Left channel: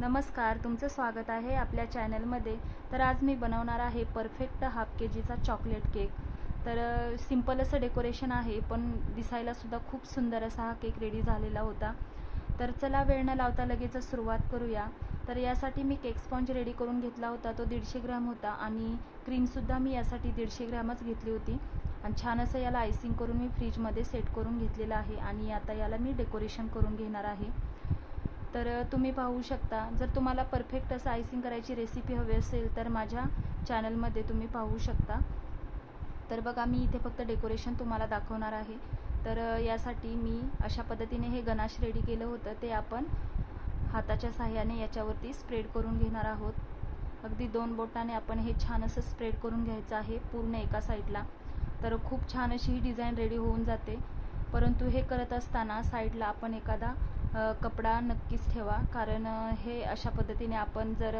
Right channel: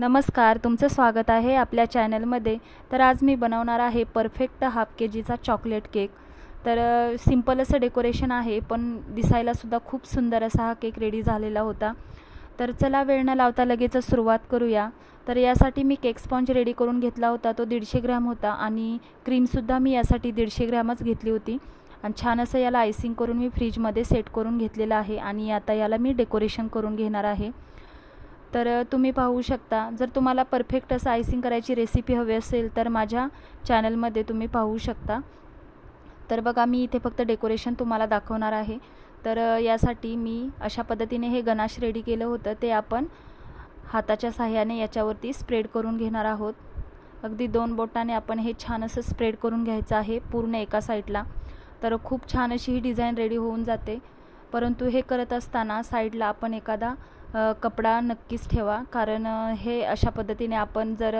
नमस्कार, तुमचं स्वागत आहे आपल्या चॅनलमध्ये. तर आज मी बनवणार आहे परफेक्ट हाफ केजीचा चॉकलेट केक. तर सिंपल असं डेकोरेशन आहे, पण दिसायलासुद्धा खूप सुंदर असा हा केक रेडी झालेला होता. तर चला वेळ न लावता लगेचच सुरुवात करूया. तर यासाठी मी केक स्पॉन्ज रेडी करून घेतला होता, तो 150 ग्रॅम होता आणि क्रीमसुद्धा मी यासाठी 150 ग्रॅमच घेतली होती. आणि छान असं याला आयसिंग करून मी फ्रीजमध्ये सेट करून घेतलेलं आहे आणि आता याला मी डेकोरेशन करून घेणार आहे. तर तुम्ही पाहू शकता, जर तुम्हाला परफेक्ट असं आयसिंग करायची रेसिपी हवी असेल तर माझ्या चॅनलमध्ये तुम्ही पाहू शकता. तर बघा, मी इथे फक्त डेकोरेशन तुम्हाला दाखवणार आहे. तर यासाठी मी अशा पद्धतीने हे गनाश रेडी केलं होतं, ते आपण हाताच्या साहाय्याने याच्यावरती स्प्रेड करून घेणार आहोत. अगदी 2 बोटाने आपण हे छान असं स्प्रेड करून घ्यायचं आहे पूर्ण एका साईडला. तर खूप छान अशी ही डिझाईन रेडी होऊन जाते. परंतु हे करत असताना साईडला आपण एखादा कपडा नक्कीच ठेवा, कारण हे अशा पद्धतीने आपण जर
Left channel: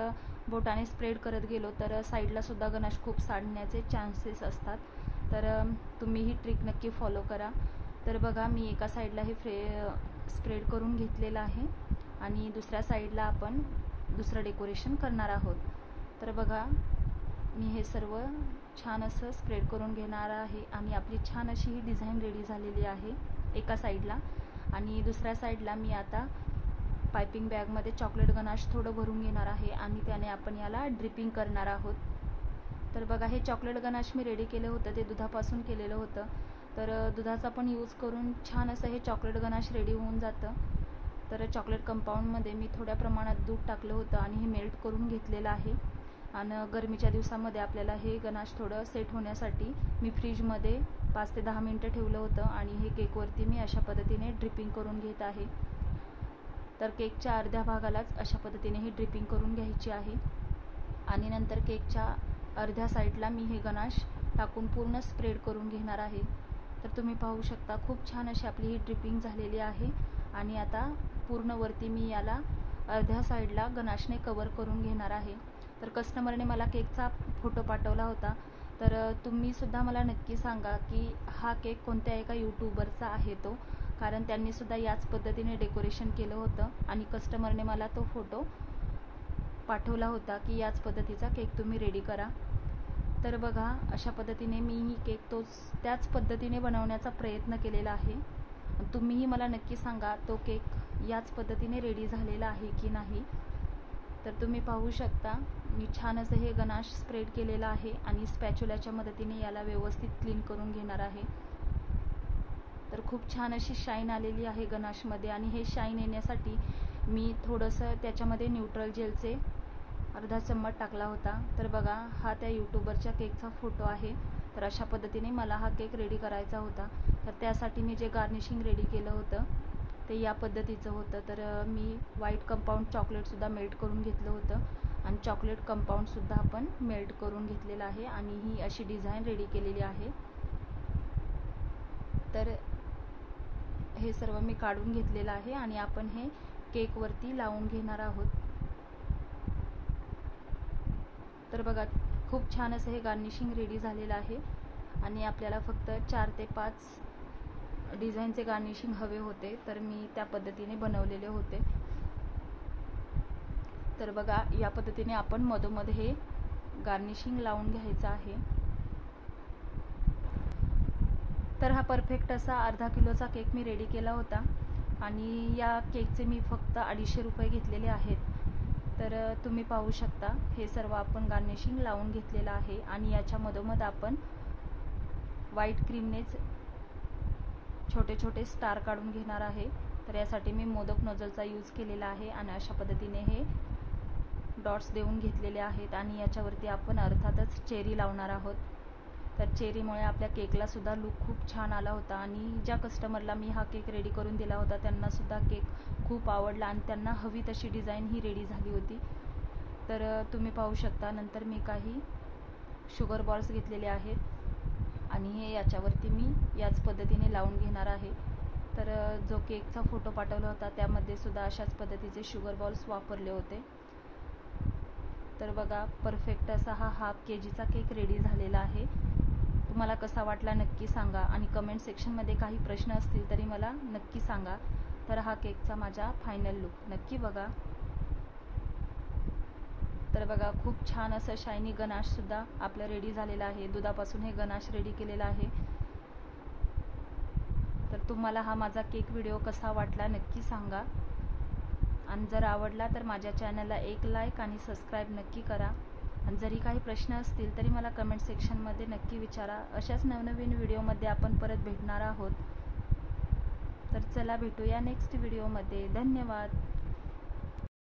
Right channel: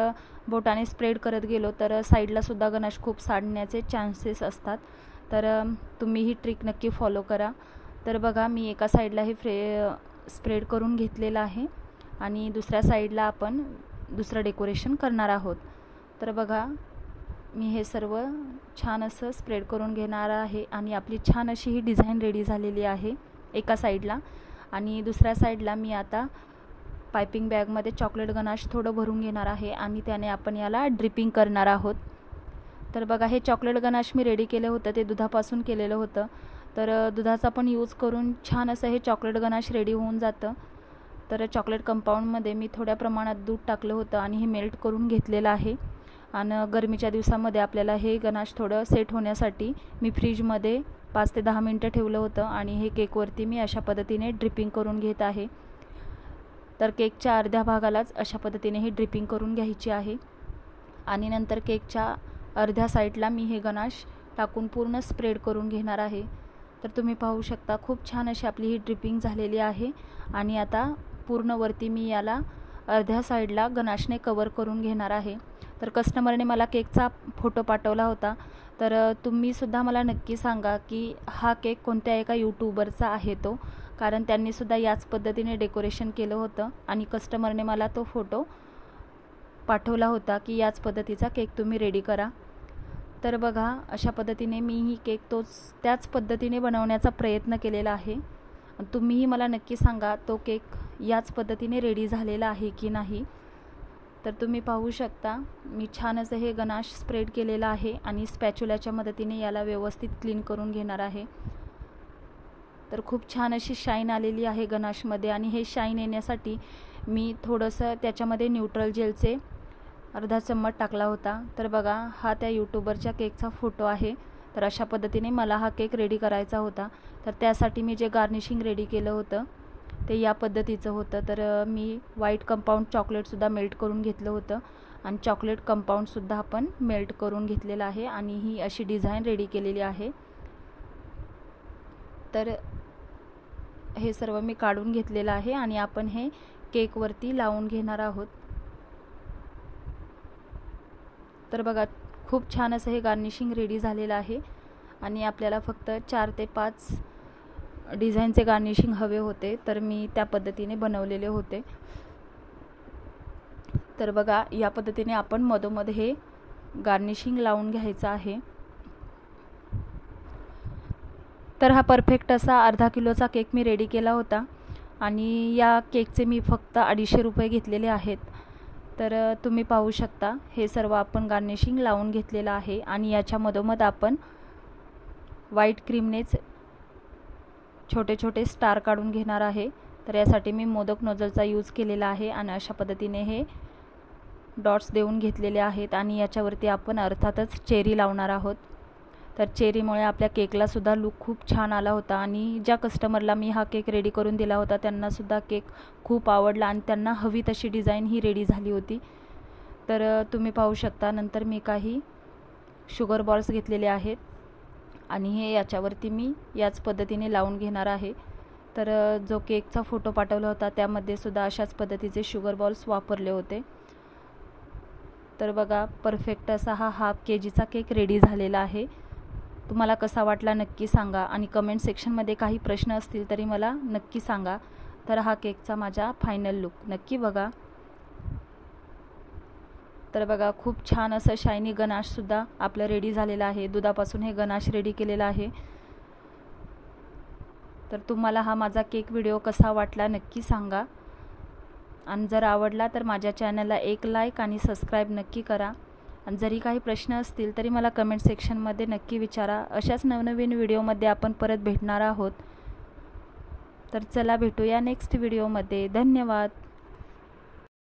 बोटाने स्प्रेड करत गेलो तर साईडलासुद्धा गनाश खूप सांडण्याचे चान्सेस असतात. तर तुम्ही ही ट्रिक नक्की फॉलो करा. तर बघा, मी एका साईडला हे स्प्रेड करून घेतलेलं आहे आणि दुसऱ्या साईडला आपण दुसरं डेकोरेशन करणार आहोत. तर बघा, मी हे सर्व छान असं स्प्रेड करून घेणार आहे आणि आपली छान अशी ही डिझाईन रेडी झालेली आहे एका साईडला. आणि दुसऱ्या साईडला मी आता पायपिंग बॅगमध्ये चॉकलेट गनाश थोडं भरून घेणार आहे आणि त्याने आपण याला ड्रिपिंग करणार आहोत. तर बघा, हे चॉकलेट गनाश मी रेडी केलं होतं, ते दुधापासून केलेलं होतं. तर दुधाचा पण यूज करून छान असं हे चॉकलेट गनाश रेडी होऊन जातं. तर चॉकलेट कंपाऊंडमध्ये मी थोड्या प्रमाणात दूध टाकलं होतं आणि हे मेल्ट करून घेतलेलं आहे. आणि गरमीच्या दिवसामध्ये आपल्याला हे गनाश थोडं सेट होण्यासाठी मी फ्रीजमध्ये 5 ते 10 मिनटं ठेवलं होतं आणि हे केकवरती मी अशा पद्धतीने ड्रिपिंग करून घेत आहे. तर केकच्या अर्ध्या भागालाच अशा पद्धतीने ही ड्रिपिंग करून घ्यायची आहे आणि नंतर केकच्या अर्ध्या साईडला मी हे गनाश टाकून पूर्ण स्प्रेड करून घेणार आहे. तर तुम्ही पाहू शकता, खूप छान अशी आपली ही ड्रिपिंग झालेली आहे आणि आता पूर्ण वरती मी याला अर्ध्या साईडला गनाशने कवर करून घेणार आहे. तर कस्टमरने मला केकचा फोटो पाठवला होता. तर तुम्हीसुद्धा मला नक्की सांगा की हा केक कोणत्या एका यूट्यूबरचा आहे तो, कारण त्यांनीसुद्धा याच पद्धतीने डेकोरेशन केलं होतं आणि कस्टमरने मला तो फोटो पाठवला होता की याच पद्धतीचा केक तुम्ही रेडी करा. तर बघा, अशा पद्धतीने मी ही केक त्याच पद्धतीने बनवण्याचा प्रयत्न केलेला आहे. तुम्हीही मला नक्की सांगा तो केक याच पद्धतीने रेडी झालेला आहे की नाही. तर तुम्ही पाहू शकता, मी छान असं हे गनाश स्प्रेड केलेलं आहे आणि स्पॅच्युलाच्या मदतीने याला व्यवस्थित क्लीन करून घेणार आहे. तर खूप छान अशी शाईन आलेली आहे गनाशमध्ये आणि हे शाईन येण्यासाठी मी थोडंसं त्याच्यामध्ये न्यूट्रल जेलचे अर्धा चम्मच टाकला होता. तर बघा, हा त्या यूट्यूबरच्या केकचा फोटो आहे. तर अशा पद्धतीने मला हा केक रेडी करायचा होता. तर त्यासाठी मी जे गार्निशिंग रेडी केलं होतं ते या पद्धतीचं होतं. तर मी व्हाईट कंपाऊंड चॉकलेटसुद्धा मेल्ट करून घेतलं होतं आणि चॉकलेट कंपाऊंडसुद्धा आपण मेल्ट करून घेतलेलं आहे आणि ही अशी डिझाईन रेडी केलेली आहे. तर हे सर्व मी काढून घेतलेलं आहे आणि आपण हे केकवरती लावून घेणार आहोत. तर बघा, खूप छान असं हे गार्निशिंग रेडी झालेलं आहे आणि आपल्याला फक्त 4 ते 5 डिझाईनचे गार्निशिंग हवे होते, तर मी त्या पद्धतीने बनवलेले होते. तर बघा, या पद्धतीने आपण मधोमध हे गार्निशिंग लावून घ्यायचं आहे. तर हा परफेक्ट असा अर्धा किलोचा केक मी रेडी केला होता आणि या केकचे मी फक्त 250 रुपये घेतलेले आहेत. तर तुम्ही पाहू शकता, हे सर्व आपण गार्निशिंग लावून घेतलेलं आहे आणि याच्या मधोमध आपण व्हाईट क्रीमनेच छोटे छोटे स्टार काढून घेणार आहे. तर यासाठी मी मोदक नोझलचा यूज केलेला आहे आणि अशा पद्धतीने हे डॉट्स देऊन घेतलेले आहेत आणि याच्यावरती आपण अर्थातच चेरी लावणार आहोत. तर चेरीमुळे आपल्या केकलासुद्धा लूक खूप छान आला होता आणि ज्या कस्टमरला मी हा केक रेडी करून दिला होता त्यांनासुद्धा केक खूप आवडला आणि त्यांना हवी तशी डिझाईन ही रेडी झाली होती. तर तुम्ही पाहू शकता, नंतर मी काही शुगर बॉल्स घेतलेले आहेत आणि हे याच्यावरती मी याच पद्धतीने लावून घेणार आहे. तर जो केकचा फोटो पाठवला होता त्यामध्ये सुद्धा अशाच पद्धतीचे शुगर बॉल्स वापरले होते. तर बघा, परफेक्ट असा हा हाफ केजीचा केक रेडी झालेला आहे. तुम्हाला कसा वाटला नक्की सांगा आणि कमेंट सेक्शनमध्ये काही प्रश्न असतील तरी मला नक्की सांगा. तर हा केकचा माझा फायनल लुक नक्की बघा. तर बघा खूप छान असं शायनी गणाशसुद्धा आपलं रेडी झालेलं आहे. दुधापासून हे गणाश रेडी केलेलं आहे. तर तुम्हाला हा माझा केक व्हिडिओ कसा वाटला नक्की सांगा. आणि जर आवडला तर माझ्या चॅनलला एक लाईक आणि सबस्क्राईब नक्की करा. आणि जरी काही प्रश्न असतील तरी मला कमेंट सेक्शनमध्ये नक्की विचारा. अशाच नवनवीन व्हिडिओमध्ये आपण परत भेटणार आहोत. तर चला भेटूया नेक्स्ट व्हिडिओमध्ये. धन्यवाद.